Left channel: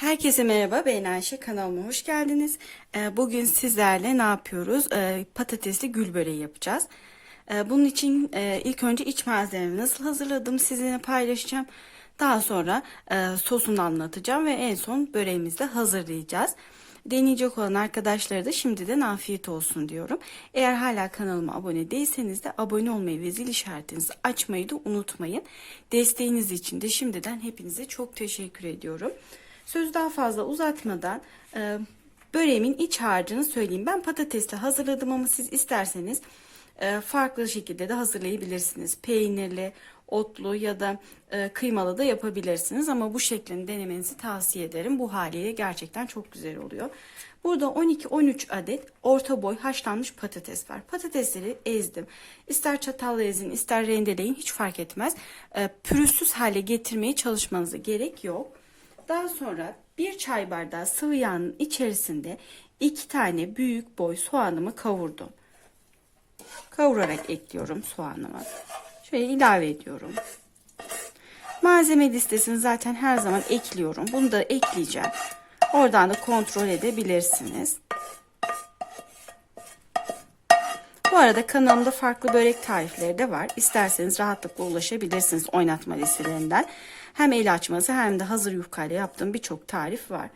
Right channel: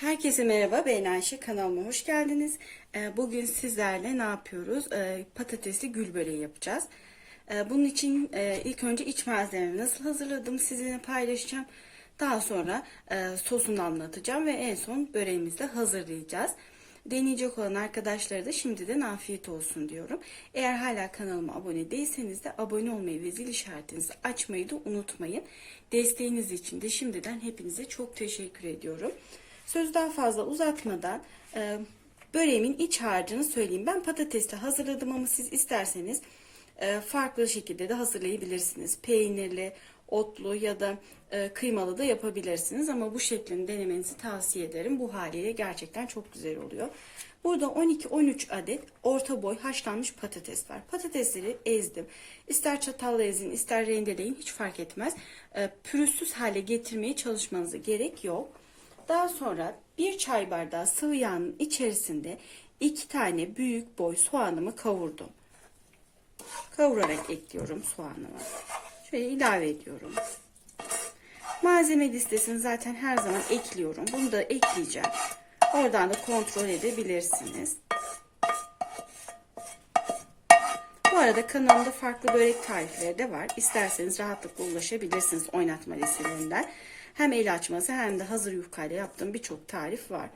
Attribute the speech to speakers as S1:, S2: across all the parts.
S1: Herkese merhaba ben Ayşe kanalıma hoş geldiniz. Ee, Bugün sizlerle ne yapıyoruz? Ee, Patatesli gül böreği yapacağız. Ee, Bunun için e, ilk önce iç malzemeleri nasıl hazırladım sizinle paylaşacağım. Daha sonra e, sosunu anlatacağım ve en son böreğimizi de hazırlayacağız. Deneyecek olan arkadaşlara da şimdiden afiyet olsun diyorum. Eğer hala kanalıma abone değilseniz de abone olmayı ve zil işaretinizi açmayı da unutmayın. Desteğiniz için de şimdiden hepinize çok teşekkür ediyorum. Söz daha fazla uzatmadan e, böreğimin iç harcını söyleyeyim. Ben patatesle hazırladım ama siz isterseniz e, farklı şekilde de hazırlayabilirsiniz. Peynirli, otlu ya da e, kıymalı da yapabilirsiniz ama bu şeklini denemenizi tavsiye ederim. Bu haliyle gerçekten çok güzel oluyor. Burada 12-13 adet orta boy haşlanmış patates var. Patatesleri ezdim. İster çatalla ezin, ister rendeleyin hiç fark etmez. E, pürüzsüz hale getirmeye çalışmanıza gerek yok. Daha sonra bir çay bardağı sıvı yağın içerisinde iki tane büyük boy soğanımı kavurdum. Kavurarak ekliyorum soğanımı. Şöyle ilave ediyorum. Malzeme listesini zaten her zaman ekliyorum. Bunu da ekleyeceğim. Oradan da kontrol edebilirsiniz. Arada kanalımda farklı börek tarifleri de var. İsterseniz rahatlıkla ulaşabilirsiniz oynatma listelerinden. Hem el açması hem de hazır yufkayla yaptığım birçok tarif var.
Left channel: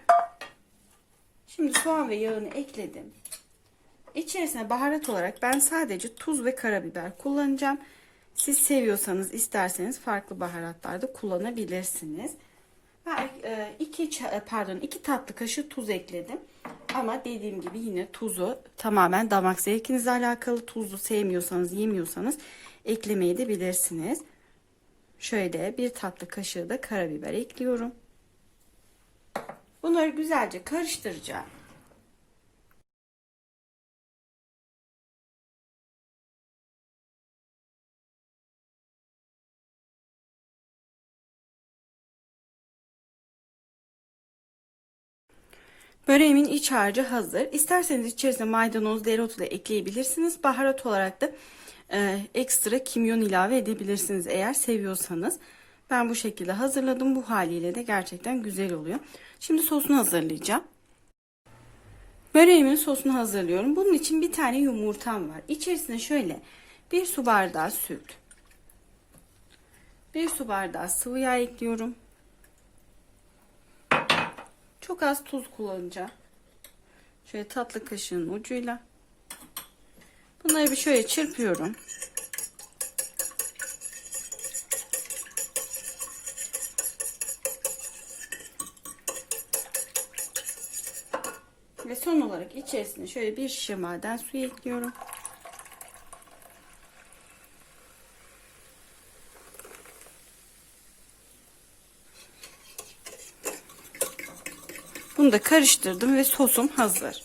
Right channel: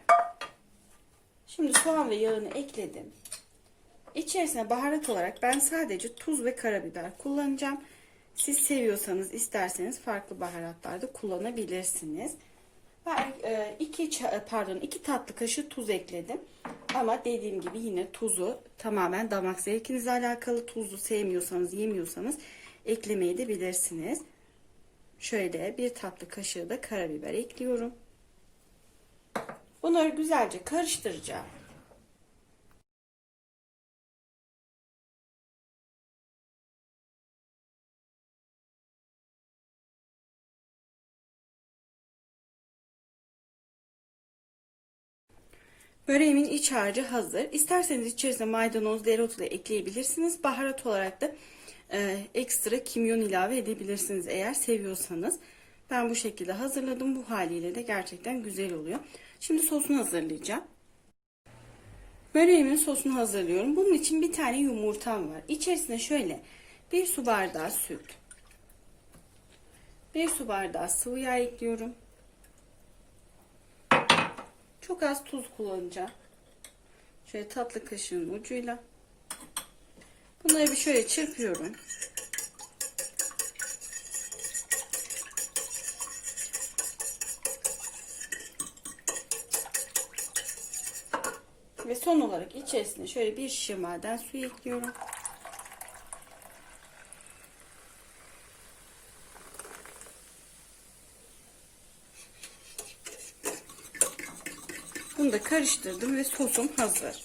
S1: Şimdi soğan ve yağını ekledim. İçerisine baharat olarak ben sadece tuz ve karabiber kullanacağım. Siz seviyorsanız isterseniz farklı baharatlar da kullanabilirsiniz. Ben e, iki pardon iki tatlı kaşığı tuz ekledim. Ama dediğim gibi yine tuzu tamamen damak zevkinizle alakalı. Tuzlu sevmiyorsanız, yemiyorsanız eklemeyi de bilirsiniz. Şöyle bir tatlı kaşığı da karabiber ekliyorum. Bunları güzelce karıştıracağım. Böreğimin iç harcı hazır. İsterseniz içerisine maydanoz, dereotu da ekleyebilirsiniz. Baharat olarak da e, ekstra kimyon ilave edebilirsiniz eğer seviyorsanız. Ben bu şekilde hazırladım. Bu haliyle de gerçekten güzel oluyor. Şimdi sosunu hazırlayacağım. Böreğimin sosunu hazırlıyorum. Bunun için bir tane yumurtam var. İçerisine şöyle bir su bardağı süt, bir su bardağı sıvı yağ ekliyorum. Çok az tuz kullanacağım. Şöyle tatlı kaşığın ucuyla. Bunları bir şöyle çırpıyorum. Ve son olarak içerisine şöyle bir şişe maden suyu ekliyorum. Bunu da karıştırdım ve sosum hazır.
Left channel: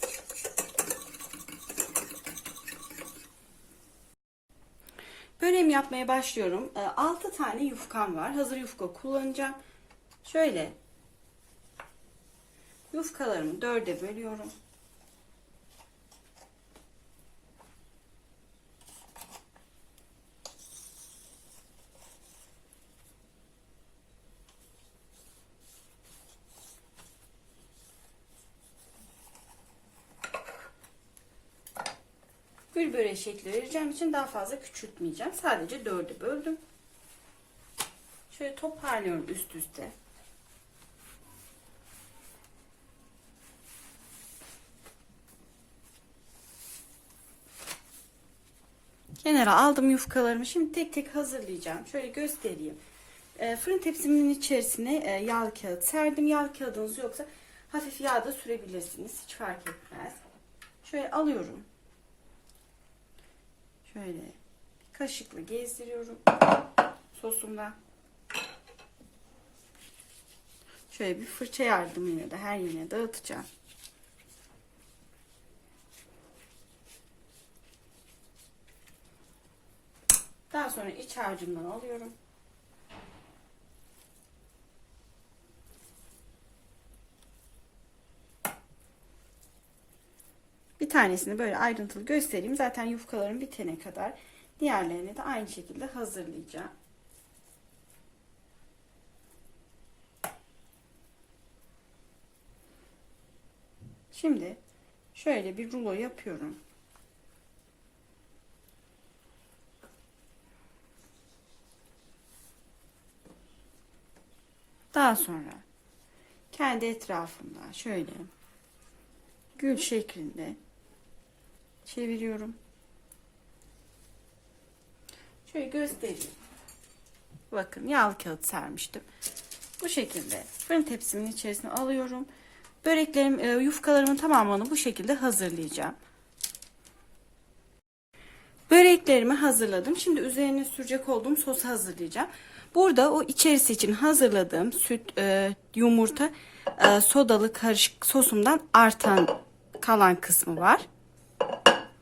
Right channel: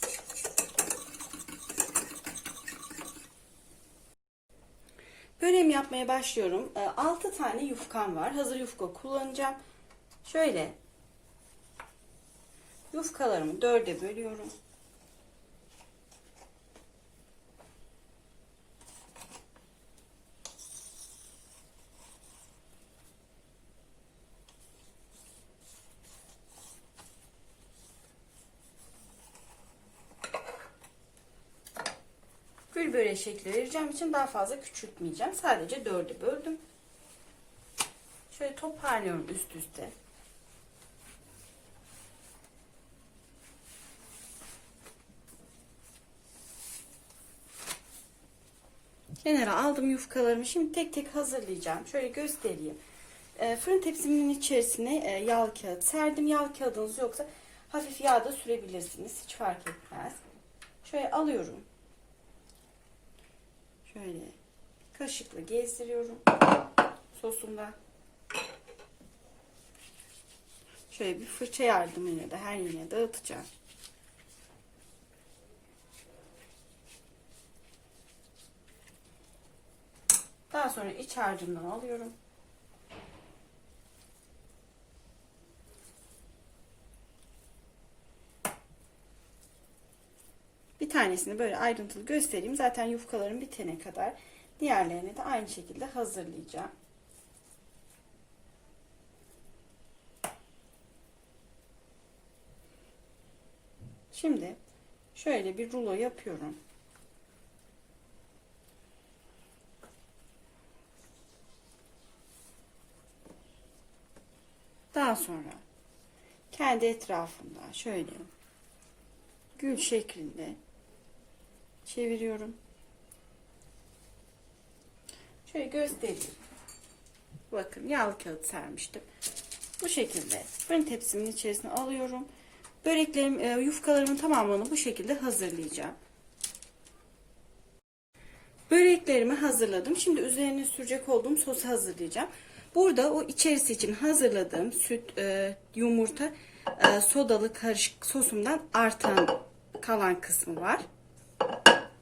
S1: Böreğimi yapmaya başlıyorum. 6 tane yufkam var. Hazır yufka kullanacağım. Şöyle yufkalarımı dörde bölüyorum. Gül böreği şekli vereceğim için daha fazla küçültmeyeceğim. Sadece dörde böldüm. Şöyle toparlıyorum üst üste. Kenara aldım yufkalarımı. Şimdi tek tek hazırlayacağım. Şöyle göstereyim. E, fırın tepsimin içerisine e, yağlı kağıt serdim. Yağlı kağıdınız yoksa hafif yağ da sürebilirsiniz. Hiç fark etmez. Şöyle alıyorum. Şöyle kaşıkla gezdiriyorum sosumda. Şöyle bir fırça yardımıyla da her yerine dağıtacağım. Daha sonra iç harcından alıyorum. Bir tanesini böyle ayrıntılı göstereyim. Zaten yufkalarım bitene kadar diğerlerini de aynı şekilde hazırlayacağım. Şimdi şöyle bir rulo yapıyorum. Daha sonra kendi etrafında şöyle gül şeklinde çeviriyorum. Şöyle göstereyim. Bakın yağlı kağıt sermiştim. Bu şekilde fırın tepsimin içerisine alıyorum. Böreklerim, e, yufkalarımın tamamını bu şekilde hazırlayacağım. Böreklerimi hazırladım. Şimdi üzerine sürecek olduğum sosu hazırlayacağım. Burada o içerisi için hazırladığım süt, e, yumurta, e, sodalı karışık sosumdan artan kalan kısmı var.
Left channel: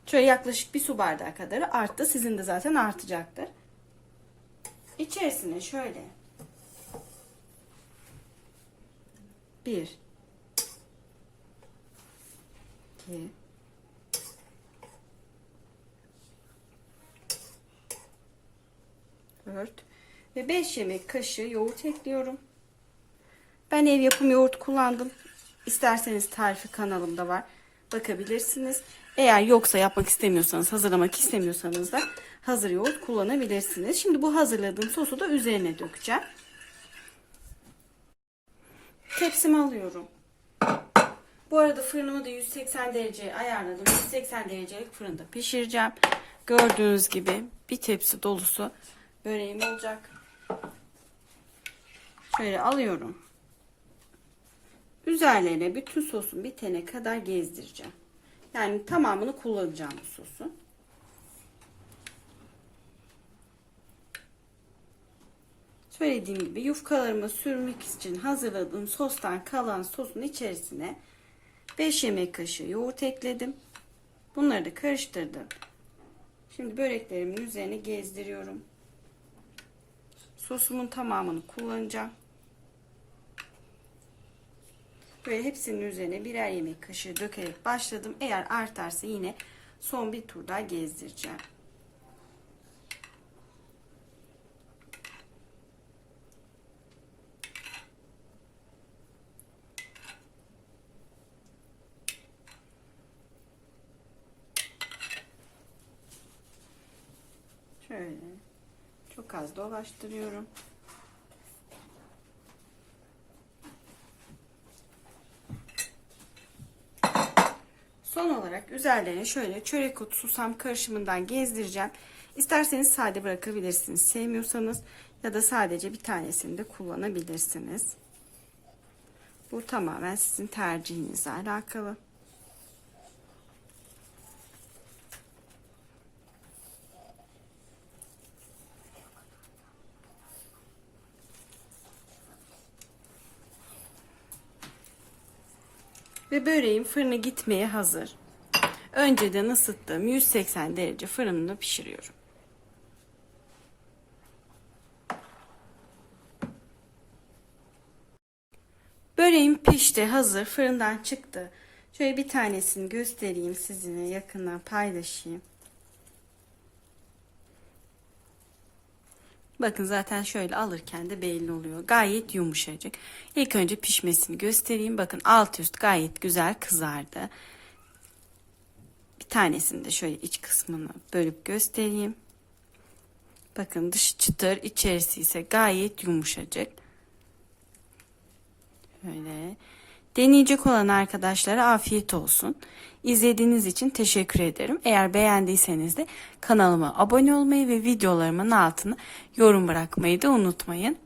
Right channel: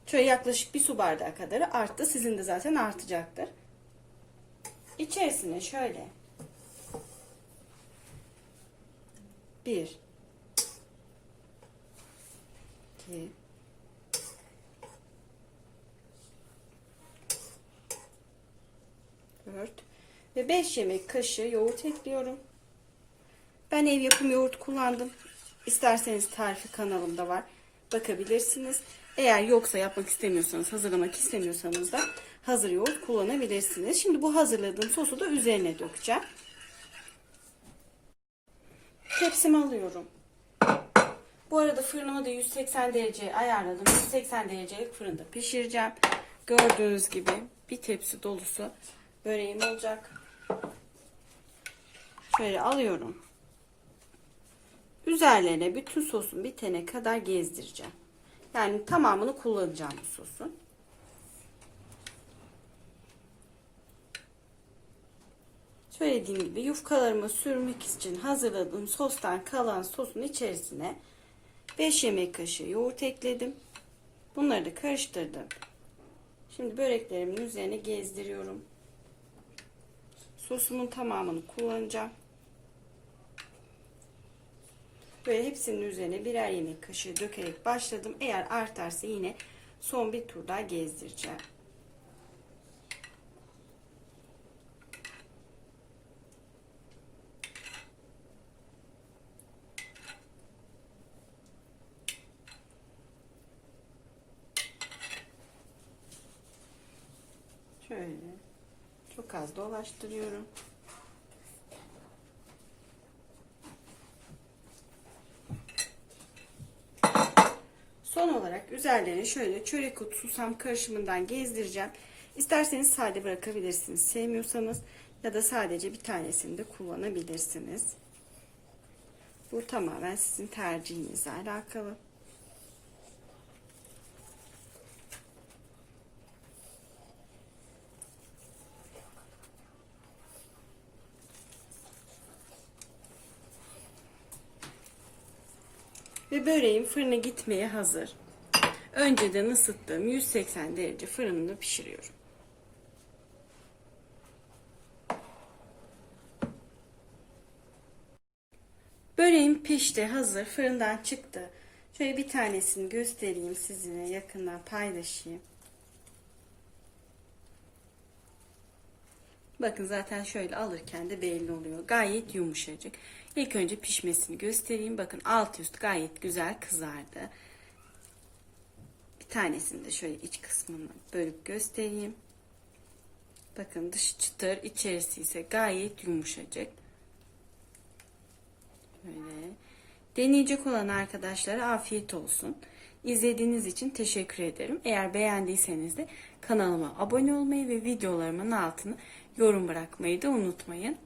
S1: Şöyle yaklaşık bir su bardağı kadar arttı. Sizin de zaten artacaktır. İçerisine şöyle bir iki dört ve 5 yemek kaşığı yoğurt ekliyorum. Ben ev yapım yoğurt kullandım. İsterseniz tarifi kanalımda var. Bakabilirsiniz. Eğer yoksa yapmak istemiyorsanız, hazırlamak istemiyorsanız da hazır yoğurt kullanabilirsiniz. Şimdi bu hazırladığım sosu da üzerine dökeceğim. Tepsimi alıyorum. Bu arada fırınımı da 180 dereceye ayarladım. 180 derecelik fırında pişireceğim. Gördüğünüz gibi bir tepsi dolusu böreğim olacak. Şöyle alıyorum. Üzerlerine bütün sosun bitene kadar gezdireceğim. Yani tamamını kullanacağım bu sosun. Söylediğim gibi yufkalarımı sürmek için hazırladığım sostan kalan sosun içerisine 5 yemek kaşığı yoğurt ekledim. Bunları da karıştırdım. Şimdi böreklerimin üzerine gezdiriyorum. Sosumun tamamını kullanacağım. Böyle hepsinin üzerine birer yemek kaşığı dökerek başladım. Eğer artarsa yine son bir tur daha gezdireceğim. Şöyle çok az dolaştırıyorum. Son olarak üzerlerine şöyle çörek otu susam karışımından gezdireceğim. İsterseniz sade bırakabilirsiniz. Sevmiyorsanız ya da sadece bir tanesini de kullanabilirsiniz. Bu tamamen sizin tercihinizle alakalı. Ve böreğim fırına gitmeye hazır. Önceden ısıttığım 180 derece fırında pişiriyorum. Böreğim pişti, hazır. Fırından çıktı. Şöyle bir tanesini göstereyim sizinle yakından paylaşayım. Bakın zaten şöyle alırken de belli oluyor. Gayet yumuşacık. İlk önce pişmesini göstereyim. Bakın alt üst gayet güzel kızardı. Bir tanesini de şöyle iç kısmını bölüp göstereyim. Bakın dışı çıtır, içerisi ise gayet yumuşacık. Böyle. Deneyecek olan arkadaşlara afiyet olsun. İzlediğiniz için teşekkür ederim. Eğer beğendiyseniz de kanalıma abone olmayı ve videolarımın altına yorum bırakmayı da unutmayın.